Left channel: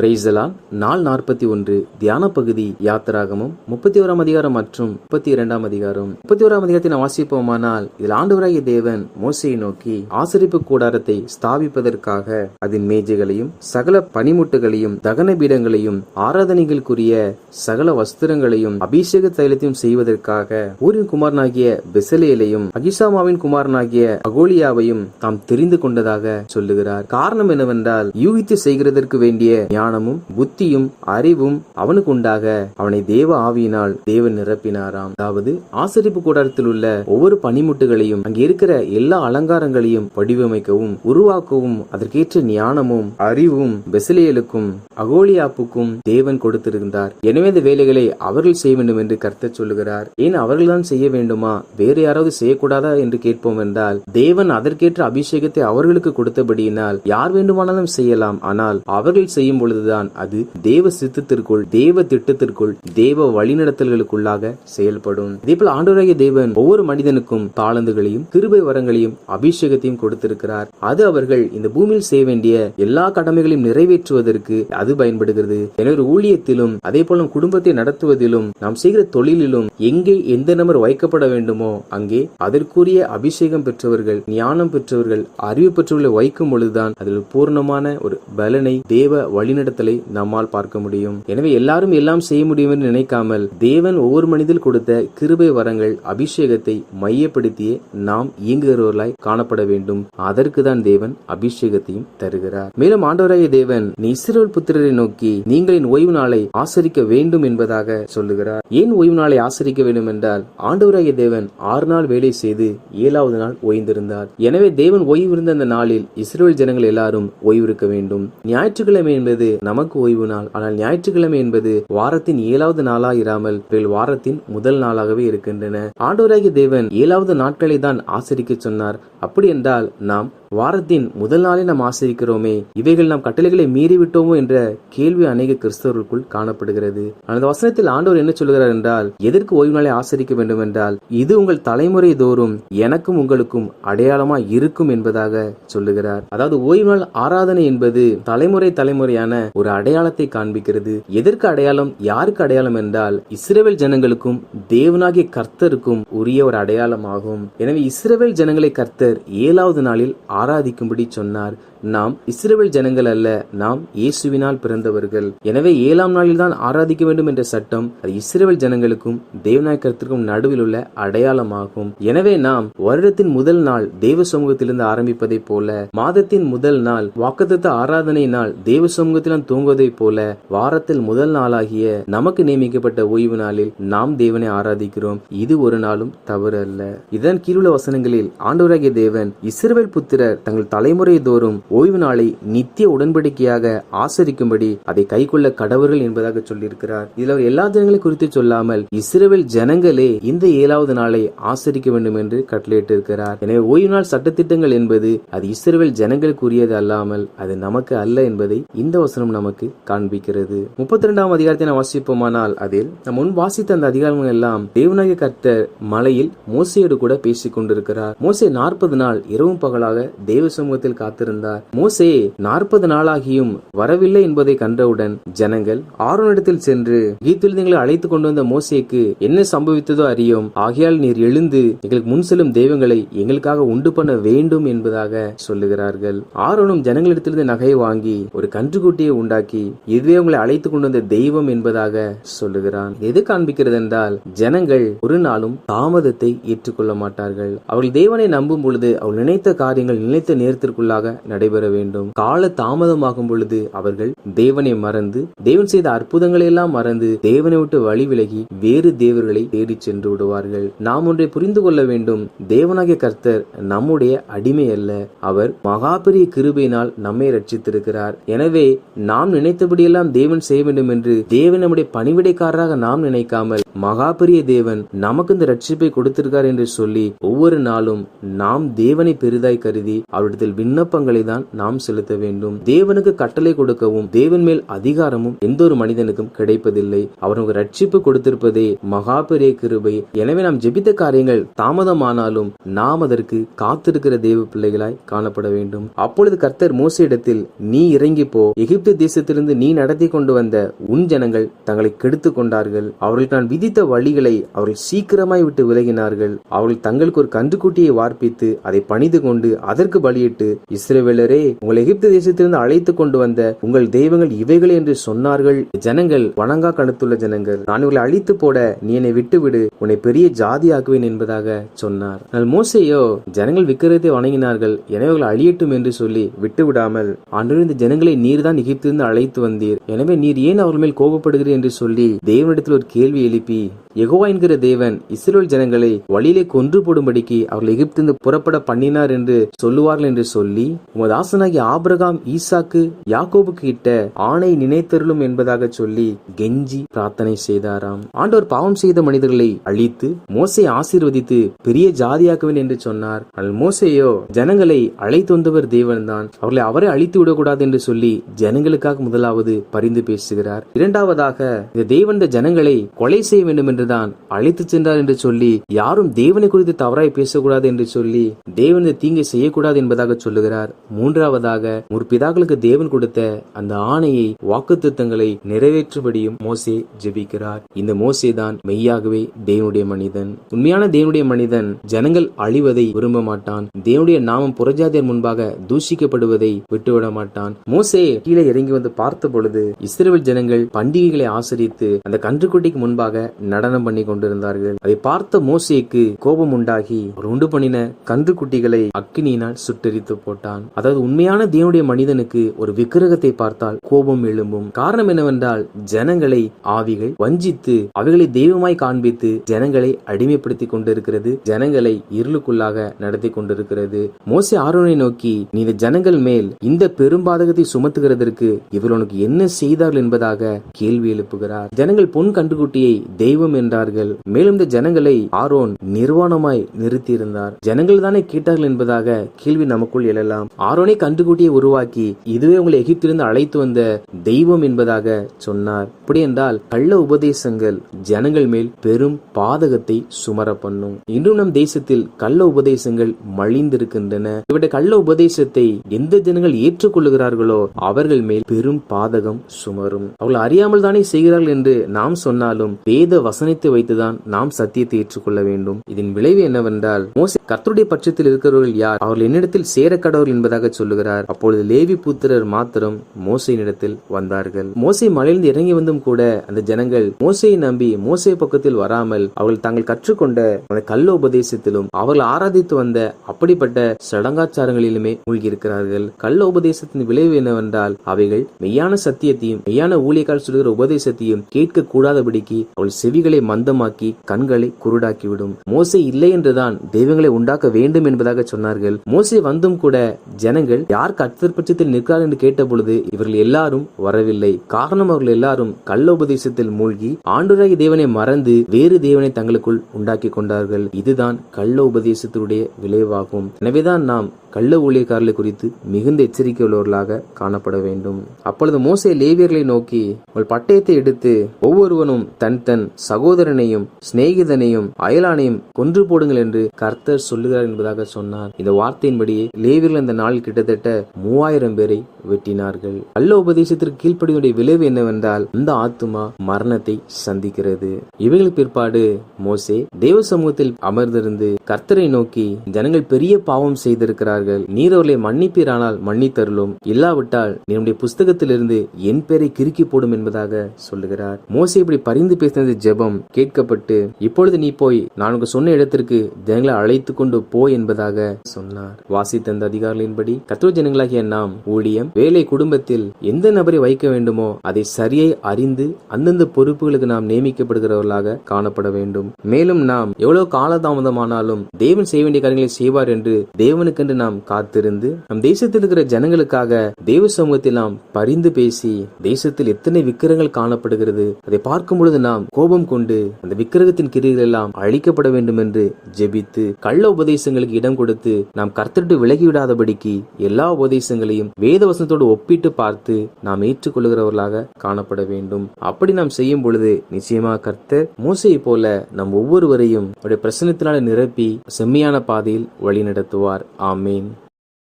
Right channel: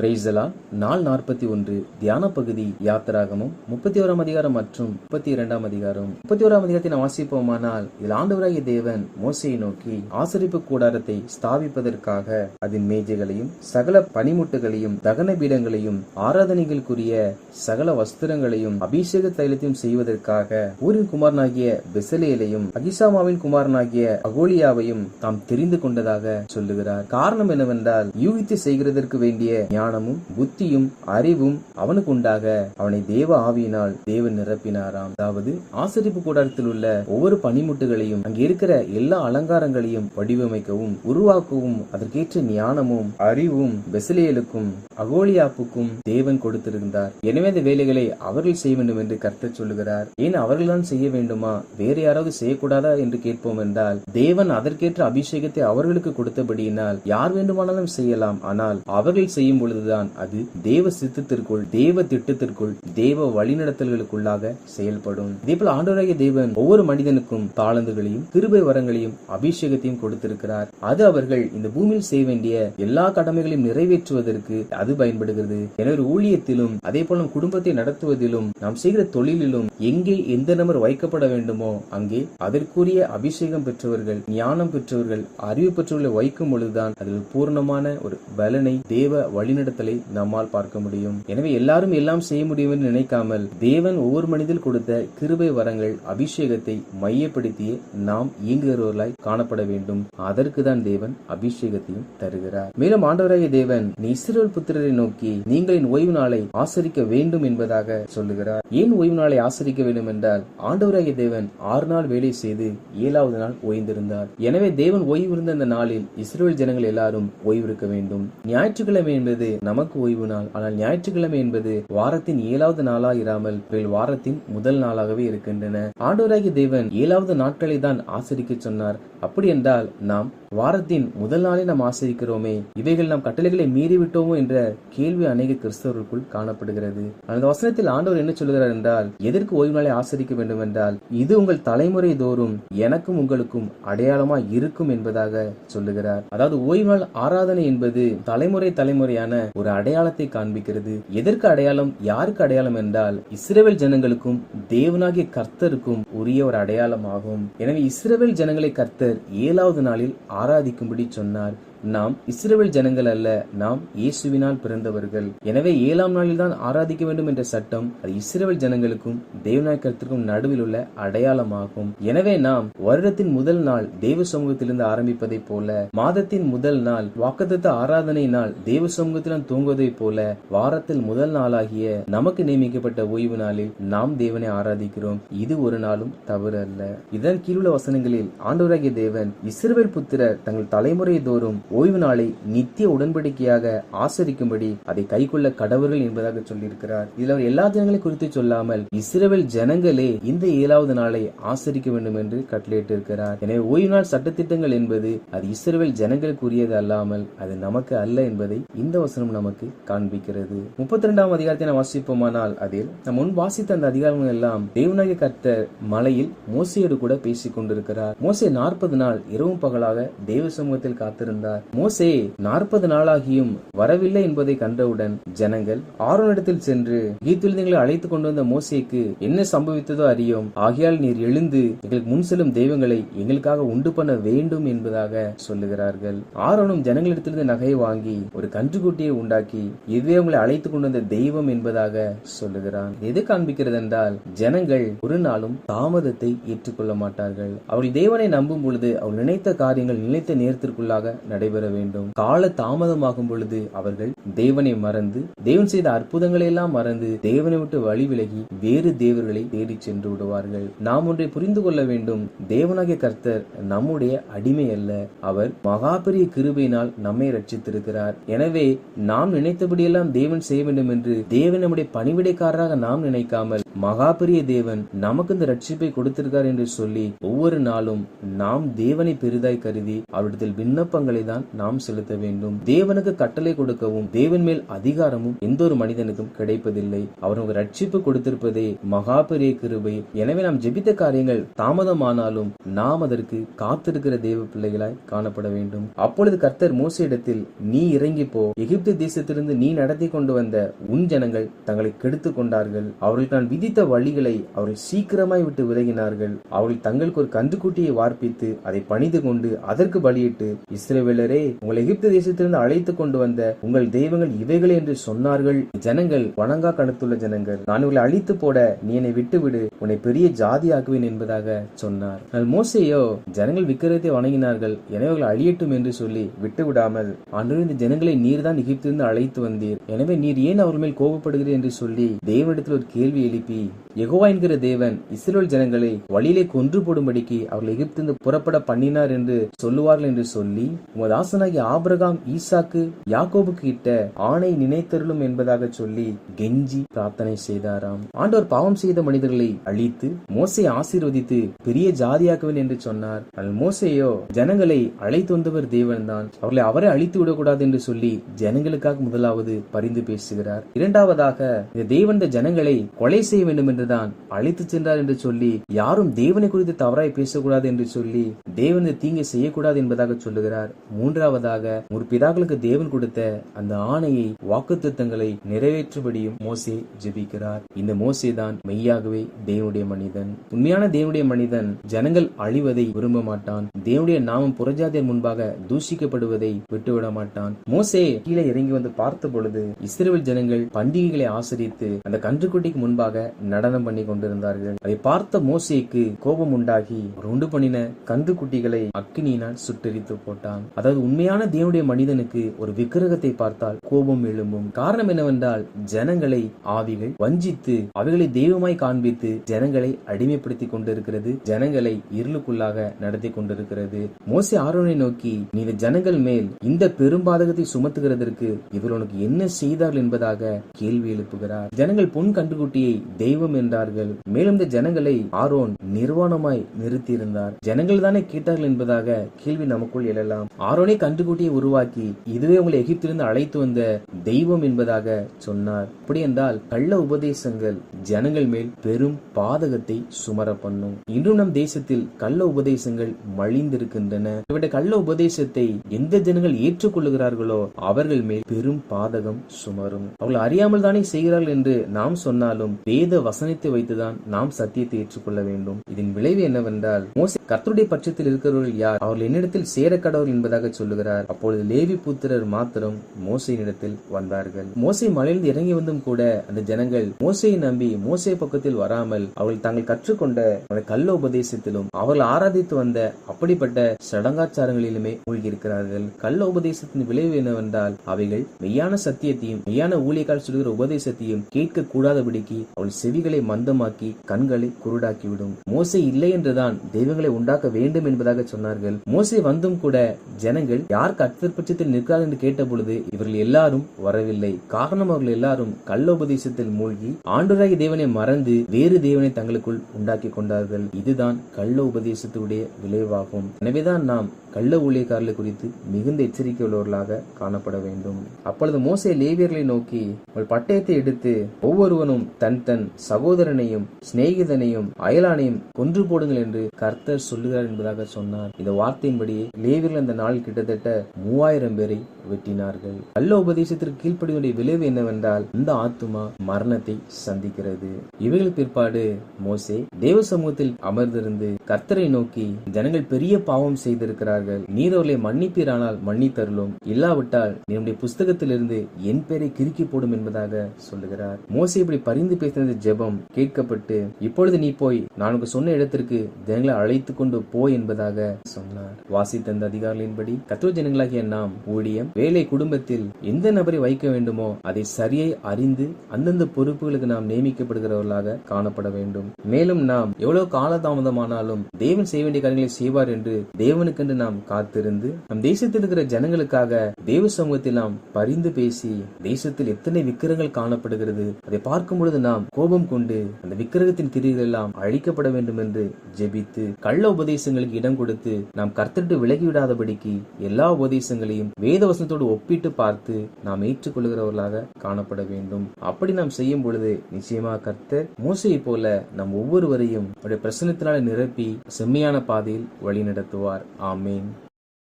பிரைசலா நாள் நாற்பத்தி ஒன்று தியான பகுதி யாத்திராகமும். முப்பத்தி ஓராம் அதிகாரம் மற்றும் முப்பத்தி இரண்டாம் அதிகாரம். முப்பத்தி ஓராம் அதிகாரத்தை நாம் வாசிப்போமானால் இதில் ஆண்டவராகிய தேவன் மோசையை நோக்கி ஆசரிப்பு கூடாரத்தை ஸ்தாபிப்பதற்காக அதன் மேஜைகளையும் சகல பனிமுட்டுகளையும் தகன பீடங்களையும் ஆராதனைகளுக்குரிய சகல வஸ்திரங்களையும் அபிஷேக தைலத்தையும் செய்வதற்காக ஊரின் குமாரனாகிய பெசலேலையும் அகிசாமாவின் குமாரனாகிய அகோலியாவையும் தாம் தெரிந்து கொண்டதாக சொல்லுகிறார். காரணம் என்னவென்றால் யூகித்து செய்கிறதற்கு வேண்டிய ஞான ஞானமும் புத்தியும் அறிவும் அவனுக்கு உண்டாக அவனை தேவ ஆவியினால் தேவன் நிரப்பினாராம். அதாவது ஆசரிப்பு கூடாரத்தில் உள்ள ஒவ்வொரு பனிமுட்டுகளையும் அங்கே இருக்கிற எல்லா அலங்காரங்களையும் வடிவமைக்கவும் உருவாக்கவும் அதற்கேற்ற ஞானமும் அறிவும் பெசிலியலுக்கும் அகோலியாப்புக்கும் தேவன் கொடுத்திருந்தார். எனவே இந்த வேலைகளை அவர்கள் செய்ய வேண்டும் என்று கர்த்தர் சொல்லுகிறார். ஏன் அவர்கள்தான் செய்ய வேண்டுமா? வேறு யாராவது செய்யக்கூடாதா என்று கேட்போம் என்றால் தேவன் அதற்கேற்ற அபிஷேகத்தை அவர்களுக்கு கொடுத்தபடியினால் யார் வேண்டுமானாலும் செய்யலாம். ஆனால் அவர்கள் செய்யும் செய்வதுதான் அது. தேவ சித்தத்திற்குள் தேவ திட்டத்திற்குள் தேவ வழிநடத்தல்களுக்குள்ளாக செயல்படும். இதேபோல் ஆண்டவராகிய தேவன் ஒவ்வொரு மனிதனுக்கும் தாளந்துகளையும் கிருபை வரங்களையும் அபிஷேகத்தையும் கொடுத்திருக்கிறார். அது அவர்கள் இந்த பூமியில் செய்ய வேண்டிய எல்லா கடமைகளையும் நிறைவேற்றுவதற்கு அது பயன்படுகிறது. எனவே ஊழியத்திலும் அதே போல குடும்பத்தை நடத்துவதிலும் நாம் செய்கிற தொழிலிலும் எங்கே எந்த நபர் வைக்கப்பட வேண்டுமோ அங்கே அதற்குரிய அபிஷேகம் பெற்றவர்கள் ஞானம் பெற்றவர்கள் அறிவு பெற்றவர்களை வைக்கும் பொழுதுதான் அதில் பூர்ணமான ஒரு பலனை தேவ வழிநடத்தலை நம்மால் பார்க்க முடியும். எனவே எல்லாரும் எல்லாம் செய்ய முடியும் என்று நினைக்காமல் தேவன் ஒவ்வொரு மனிதில் கொடுத்த கிருபை வரங்கள் அபிஷேகத்தை மையப்படுத்தியே நாம் இயங்குகிறவர்களாய் காணப்பட வேண்டும். அதற்கு தான் தேவன் அபிஷேகத்தையும் தருகிறார். மேலும் ஆண்டவராய தேவன் நீ புத்திரரை நோக்கி நீங்களின் ஓய்வு நாளை ஆசரிக்க வேண்டும் என்பதாக சொல்லுகிறார். ஏன் ஓய்வு நாளை ஆசரிக்க வேண்டும் என்றால் ஆண்டவராகிய தேவன் ஆறு நாள் வேலை செய்து ஏழாவது நாள் ஓய்ந்திருந்தார். எனவே தேவன் ஓய்வு இருந்த அந்த நாளில் இஸ்ரேல் ஜனங்கள் எல்லாரும் ஓய்வு இருக்க வேண்டும். ஞாயிற்றுக்கிழமை என்பது நமக்கு ஓய்வு நாள். ஆனால் ஞாயிற்றுக்கிழமை என்பது வாரத்தின் ஏழாவது நாளா இராமல் வாரத்தின் முதல் நாளாகவே இருக்கின்றன. ஆண்டவராகிய தேவன் ஏழாவது நாட்களை தான் ஆசரிக்க சொன்னார். அப்படி என்றால் நாம் வாரத்தின் முதல் நாளை நாம் ஆசரிக்கிறோமே. இவைகள் நாம் கட்டளைகளை மீறிவிட்டோமோ என்ற கேள்வி அநேக கிறிஸ்தவர்களுக்குள் காணப்படுகிறது. அந்த வசனத்தில் ஆண்டவர் என்ன சொல்கிறார் என்றால் எதற்கு ஓய்வு நாளை ஆசரிக்க வேண்டும் என்றால் இது உங்கள் தலைமுறை தோறும் எனக்கும் உங்களுக்கும் அடையாளமா இருக்கும் என்பதாக சொல்லுகிறார். அதாவது ஓய்வு நாள் ஆராதனை என்பது தலைமுறை தலைமுறையான ஒரு அடையாளத்தை காண்பிக்கிறது. எதற்கு அடையாளம்? யாருக்கு அடையாளம் என்றால் இஸ்ரேல் ஜனங்களுக்கும் தேவனாகிய கர்த்தருக்கும் உரிய ஒரு அடையாளம் ஆகும் எனவே இஸ்ரேல் ஜனங்களை கர்த்தர் ஏழாவது நாளில் ஆராதிக்கும்படி சொன்னார். நாம் இஸ்ரேல் ஜனங்கள் அல்ல நாம் இயேசுவினால் பிறந்தவர்கள். எனவே ஏழாம் நாளில் தான் ஆராதிக்க வேண்டும் என்ற சட்டம் அது இஸ்ரேல் ஜனங்களுக்கும் தேவநாயக்கத்திற்கும் நடுவில் உள்ள அடையாளமாகும். எனவே நாம் வருடத்தின் முதல் நாள் தேவ சமூகத்திலிருந்து ஆரம்பிப்பதை போல மாதத்தின் முதல் நாள் வாக்குத்த ஆராதனை நாள் தேவ சமூகத்திலும் தூங்குவதைப் போல வாரத்தில் முதல் நாளாகிய நமக்கு நியமிக்கப்பட்ட ஓய்வு நாளில் நாம் தேவனை ஆராதிக்கிறோம். இது ஒரு நாளும் தவறு அல்ல இதன் கீழுள்ள வசனங்களில் ஆண்டவராகிய தேவன் இஸ்ரவேல் புத்திரர் தங்கள் தலைமுறை தோறும் ஓய்வு நாளை நித்திய உடன்படிக்கையாக ஆசரிக்கும்படி அதை கைக்கொள்ள கடவர்கள் என்பதாக சொல்லியிருக்கிறார். இதில் அவர் எல்லா ஜனங்களை குறித்து சொல்லாமல் இஸ்ரேல் ஜனங்களே இந்த ஏழாவது நாளை ஆசரிக்க வேண்டும் என்று கட்டளையிட்டிருக்கிறார். எனவே ஓய்வு நாள் சட்டத்திட்டங்கள் என்பது அது இஸ்ரவேல் ஜனங்களுக்குரியது அல்லாமல் அது நமக்கு அல்ல என்பதை இந்த வசனம் நமக்கு காண்பிக்கிறது. முப்பத்தி ரெண்டாம் அதிகாரத்தை நாம் வாசிப்போமானால் அதில் நம் முன் வாசித்த அந்த அதிகாரங்கள் எல்லாம் தேவநாயக கர்த்தர் மலையில் மோசையோடு கூட பேசிக் கொண்டிருக்கிறார் மோசை நாற்பது நாள் இரவும் பகலாக தேவ சமூகத்தில் காத்திருந்தார். மோசே நாற்பது நாளாகியும் வரவில்லை என்பதை கண்டவுடன் ஜனங்கள் ஆரோனிடத்தில் சென்று கீத்திலிங்களை அழைத்துக் கொண்டு வந்த மோசேக்கு என்ன சம்பவித்ததோ அறியோம். ஆகையால் நீர் எழுந்து எங்களுக்கு முன் செல்லும் தெய்வங்களை எங்களுக்காக உண்டு பண்ண வேண்டும் என்பதாக சொல்லுகிறார்கள். ஆரோனும் ஜனங்களிடத்திலிருந்து நகையை வாங்கி ஒரு கன்றுக்குட்டியை உண்டாக்கி இதுவே உங்களை அழைத்துக் கொண்டு வந்த தெய்வம் என்பதாக சொல்லுகிறான். எது காண்பிக்கிறது என்றால் ஜனங்கள் ஒரு நாளும் தாமதத்தை ஏற்றுக்கொள்ள மாட்டார்கள். அவர்கள் தேவனை நம்பும் பொழுது அவள் நினைத்த காரியங்கள் நினைத்த நேரத்திற்குள்ளாக நடை நடைபெற வேண்டும். கால தாமதமாகும் பொழுது அவர்கள் தேவனை மறந்து தேவன் செய்த அற்புதங்களை எல்லாம் மறந்து தேவனை விட்டு வழி விலகி வேறு தேவர்களை தேடி சென்று விடுவார்கள். நாம் ஒன்றை புரிந்து கொள்ள வேண்டும். தேவனாகிய கர்த்தர் நம்முடைய அடிமை அல்ல. அவர் மகா பெரிய கிருபையினால் நம்மை ரட்சித்திருக்கிறார் எனவே நாம் நினைத்தபடியெல்லாம் தேவன் செய்ய வேண்டும் என்று தேவன் நம்முடைய பணிவிடைக்காரராக நாம் நினைக்காமல் மகா பெரிய தேவன் நமக்கு இந்த ரட்சிப்பை கொடுத்திருக்கார் என்று சொல்லி ஒவ்வொரு நாளும் நாம் தேவனை பெரிதாய் கருதி அவரிடத்தில் விண்ணப்பங்களை தான் தான் நாம் செலுத்த வேண்டும். தேவனுக்கு கட்டளை கொடுக்கவும் தேவன் மேல் அதிகாரமும் எந்த ஒரு மனிதனுக்கும் கிடைப்பதில்லை. அவனுக்கு ரட்சிப்பு கொடுத்திருப்பதே மகா பெரிய கிருபை. எனவே நாம் ஜெபித்த காரியங்கள் தாமதமானாலும் நாம் அதற்கு காத்திருக்கிற தேவ பிள்ளைகளாய் காணப்பட வேண்டும். அப்பொழுது கர்த்தர் மோசையிடத்தில் நீ இறங்கி போ. எகிப்து தேசத்திலிருந்து நீ நடத்தி கொண்டு வந்த உன் ஜனங்கள் தங்களை கெடுத்து கொண்டார்கள். அவர்களுக்கு நான் விதித்த வழிகளை அவர்கள் சீக்கிரமாய் விட்டு விலகினார்கள். அவர்கள் தங்களுக்கு ஒரு கன்றுக்குட்டியை வார்ப்பித்து அதை பணிந்து கொண்டு அதற்கு பலியிட்டு இஸ்ரேவேலர் உங்கள் எகிப்து தேசத்திலிருந்து அழைத்து கொண்டு வந்த உங்கள் தெய்வங்கள் இவைகள் என்று சொன்னார்கள். ஜனங்கள் வணங்கா கணத்துள்ள ஜனங்கள். நான் உங்களை அழித்து போட நீ என்னை விட்டுவிடு. உன்னை பெரிய ஜாதியாக்குவேன் என்பதாக சொன்னார். ஆனால் மோசையோ ஜனங்கள் விக்கிரத்தை வணங்கினார்கள். எனவே அவர்கள் அழியட்டும் என்று சொல்லி விட்டு விடாமல் ஆண்டு இந்த ஜனங்களை நீர்தான் எகிப்திலிருந்து அழைத்து வந்தீர். எனவே நீர் ஏன் அவர்கள் மேல் கோபப்படுகிறீர் என்று சொல்லி தேவனிடத்தில் ஒரு கேள்வி எழுப்பி எகோவா என்கிற தேவன் இஸ்ரேல் ஜனங்களை வழியிலே கொன்று போடும்படிக்கு அவர்கள் எகிப்திலிருந்து புறப்பட பண்ணினார் என்று சொல்லுவார்கள் என்று சொல்லி உமது தாசனாகி ஆபிரகாம் ஈசாக்கு யாக்கோபு கிட்ட ஆணை நினைத்தருளும் என்பதாக சொல்லி கெஞ்சி பிரார்த்தனை செய்தாராம். ஆண்டவர் பாவம் செய்த மனிதர்களை அழித்து மோசை ஆசீர்வதித்து பெரிய ஜாதியாக்குவேன் என்று சொன்னார். ஆனால் மோசேயோ ஜனங்களை அழைத்து வந்தவர் தேவன்தான். அவர்களை அவரை அழித்து விடக்கூடாது என்று சொல்லி ஜனங்களுக்காக முதலாவது பரிந்து பேசுகிறார். இரண்டாவதாக இந்த தேவன் இந்த ஜனங்களை கொலை செய்ய வேண்டும் என்றுதான் அழைத்து சென்றார் என்று சொல்லி யாரும் தேவனை குறித்து தவறாய் பேசக்கூடாது என்று சொல்லி தேவன் தீங்கு செய்யக்கூடாது என்பதாக சொல்லுகிறார். மூன்றாவதாக முற்பிதாக்களுக்கு தேவன் கொடுத்த அந்த ஆணையை வாக்கு வாக்குத்தத்தங்களை நிறைவேற்றும்படியும் மோசே ஜெபிக்கிறார். இந்த மோசே தான் மெய்யாகவே தேவனுடைய மனிதன். உண்மையான தேவனுடைய மனிதன் ஜனங்கள் அழிவதை விரும்ப மாட்டான் தேவனுடைய நாமம் புறஜாதியர் முன்பாக தூஷிக்கப்படுவதை விட்டுவிட மாட்டான் மோசே கீழே இறங்கி வந்து பார்த்த பொழுது இஸ்ரேல் ஜனங்கள் பண்டிகைகளை ஆசிரித்து அந்த கன்றுக்குட்டிக்கு முன்பாக நடனம் பண்ணி கொண்டிருந்தார்கள். அதை பார்த்த மோசேக்கு கோபம் உண்டாகி அவர் உண்டு பண்ணின கன்றுக்குட்டிகளை அக்கினியினால் சுட்டெரித்து போட்டான். அதாவது அதாவது உண்மையான தேவனுடைய மனிதனுக்கு ஒரு விக்கிரகத்தை பார்த்தால் கோபம் எழும்பும். காரணம் என்னவென்றால் ஜனங்களை ஆவிகள் வஞ்சித்து அவைகளை தெய்வமாய் காண்பித்து ஜனங்களை அடிமைப்படுத்தி கொண்டிருக்கிறது. ஜனங்களை இருளுக்குள்ளாக நடத்தி கொண்டிருக்கிறது. மோசே ஆரோனை நோக்கி நீ இந்த ஜனங்கள் மேல் இந்த பெரும்பாதகத்தை சுமத்துகிறதற்கு இவர் உனக்கு என்ன செய்தார்கள் என்பதாக கேள்வி எழுப்புகிறார். ஜனங்கள் பொன் கண்டுகுட்டியை தெய்வம் என்றார்கள். மேலும் இந்த ஜனங்களை ஆரோன் நிர்வாணமாய் நிறுத்தியிருந்தார். ஜனங்கள் தானே கேட்டார்கள் என்பதாக கேள்வி நமக்குள் எழலாம். ஆரோனை கண்டுகுட்டியை உருவாக்கி இதுவே உங்களை எகிப்திலிருந்து அழைத்து வந்த தெய்வம் என்பதாக சொன்னார். அப்படி என்றால் கள்ள உபதேசங்கள் ஜனங்கள் மேல் பெரும் பாதகத்தை சுமர பண்ணும் இன்றும் நம் தேசத்தில் கள்ள உபதேசங்கள் மலிந்திருக்கின்றன. இவருடைய கள்ள உபதேசத்தை எந்த ஜனங்கள் ஏற்றுக்கொள்ளுகிறார்களோ அவர்கள் மேல் பெரும் பாதகம் சுமரும். அவர்கள் அறியாமல் தானே செய்கிறார்கள் என்று நாம் சொன்னாலும் வேத வசனித்து வைத்துதான் நாம் சத்தியத்தை ஏற்றுக்கொள்ள வேண்டும். இதன் விளைவு என்னவென்றால் மோச கர்த்தருடைய பட்சத்தில் இருக்கிறவர்கள் யார்? அவர்கள் என்னிடத்தில் சேர கடவுள் என்பதாக சொல்லுகிறார். அப்பொழுது லேவி புத்திரர் மாத்திரம் மோசையினிடத்தில் வந்தார்கள். மோசை மலையிலிருந்து இறங்கி வந்தும் கூட அந்த ஜனங்கள் மோசையை நம்பி மோசை பக்கத்தில் வராமல் அவர்கள் தாங்கள் கற்றுக்கொண்ட அந்த கள்ள உபதேசத்திலும் அவர்கள் ஆராதித்து வந்த அப்படிப்பட்ட சடங்காச்சாரங்களிலுமே மூழ்கியிருக்கிறார்கள். கள்ள உபதேசத்தின் விளைவு என்னவென்றால் அவைகள் மெய்யான சத்தியத்தையும் மெய்யான ஊழியக்கால் சொல்கிற உபதேசத்தையும் கேட்க கூடாதபடிக்கு அவள் செவிகளை மந்தமாக்கி கண்களை குருடாக்கிவிடும். மோசை இல்லை என்றுதான் தெய்வங்களை உண்டாக்க வேண்டும் என்பதாக சொன்னார்கள். மோசை வந்தும் கூட ஜன ஜனங்கள் யார் கர்த்தர் நிற்கிறார் என்று கேட்ட பொழுது இவர்கள் எல்லாரும் வரவில்லை. காரணம் அவர்கள் எல்லாரும் கள்ள உபதேசத்தில் மூழ்கி ஆண்டுராகி தேவனை மறந்து வேறு தேவனை தங்களுக்குள் உண்டாக்கி கொண்டார்கள். இதுதான் கள்ள உபதேசத்தினுடைய விளைவாகும். எனவேதான் நாம் கள்ள ஊழியக்காரர்களை குறித்து மிகுந்த எச்சரிக்கை உள்ளவர்களாக காணப்பட வேண்டும். அப்பொழுது மோசை லேவியர்களை நோக்கி உங்கள் பட்டயத்தை எடுத்து ஒவ்வொருவனும் தன் தன் சகோதரனையும் சிநேகிதனையும் அயலானையும் கொன்று போடுங்கள் என்று கர்த்தர் சொல்லுகிறார் என்பதாக சொன்னார். இந்த வார்த்தையின்படியே லேவியர்கள் அந்த நாள் கிட்டத்தட்ட மூவாயிரம் பேரை வெட்டினார்கள். கள்ள உபதேசத்திற்கு கீழ்ப்படியுடைய விளைவு என்னவென்றால் இந்த ஆத்துமா மரணத்தை சந்திக்கிறது. இவைகளுக்கு பிற்பாடு மோசே தேவ சமூகத்தில் அமர்ந்திருந்து கர்த்தரை நோக்கி ஜனங்கள் பெரிய பாவம் செய்திருக்கிறார்கள். நீர் அவர்களை மன்னிப்பீரானால் மன்னித்தருளும். இல்லாவிட்டால் என்னுடைய புஸ்தகத்திலிருந்து என் பேரை கிறுக்கி போடும் என்பதாக சொல்லுகிறார். மோசே இப்படி பரிந்து பேசினது ஜெபம் கேட்கப்பட்டு இப்பொழுது நீ போய் நான் சொன்ன இடத்திற்கு ஜனங்களை அழைத்து கொண்டு போ என்பதாக சொன்னார். வாசித்த அந்த அதிகாரிகளின்படி கத்தோ ஜனங்களாகிய நாம் ஊழியம் வேலை குடும்பத்தில் எந்த நபரை வைக்க வேண்டுமோ அதை சரியை அறிந்து அந்தந்த பொறுப்புகளுக்கு நாம் நியமிக்கப்படுகிறவர்களாக காணப்பட வேண்டும். மேலும் நாம் எவ்வளவு காலதாமதமானாலும் தேவன் செய்ய வேண்டிய காரியங்களை செய்வார் என்று தேவனுக்கென்று நாம் காத்திருந்து நம் தேசத்தில் இருக்கிற ஜனங்களுக்காக தேவ சமூகத்தில் நாம் பரிந்து பேசி தேசத்தில் எத்தனை விக்கிரங்கள் காணப்படுகிறது அதை பார்க்கும் பொழுது நாம் கோபம் கொண்டு அந்த விக்கிரகத்தின் கிரிகள் எல்லாம் அழிக்கப்பட வேண்டும் என்று ஜெபித்து கள்ள உபதேசங்களுக்கு இடம் கொடுத்து நாம் கர்த்தட்டு விலகிவிடாதபடிக்கு எல்லா உபதேசங்களையும் வேத வசனத்தோடு ஒப்பிட்டு பார்த்து நாம் ஏற்றுக்கொள்கிறவர்களாக காணப்பட வேண்டும். அப்படி நாம் செய்யும் பொழுது நிச்சயமா கர்த்தர் மோசையை போல நம் ஒவ்வொருவரையும் அவருடைய பிரசனத்தினால நிரப்பி செம்மையான பாதையில் வழி நடத்துவார் ஆமேன்.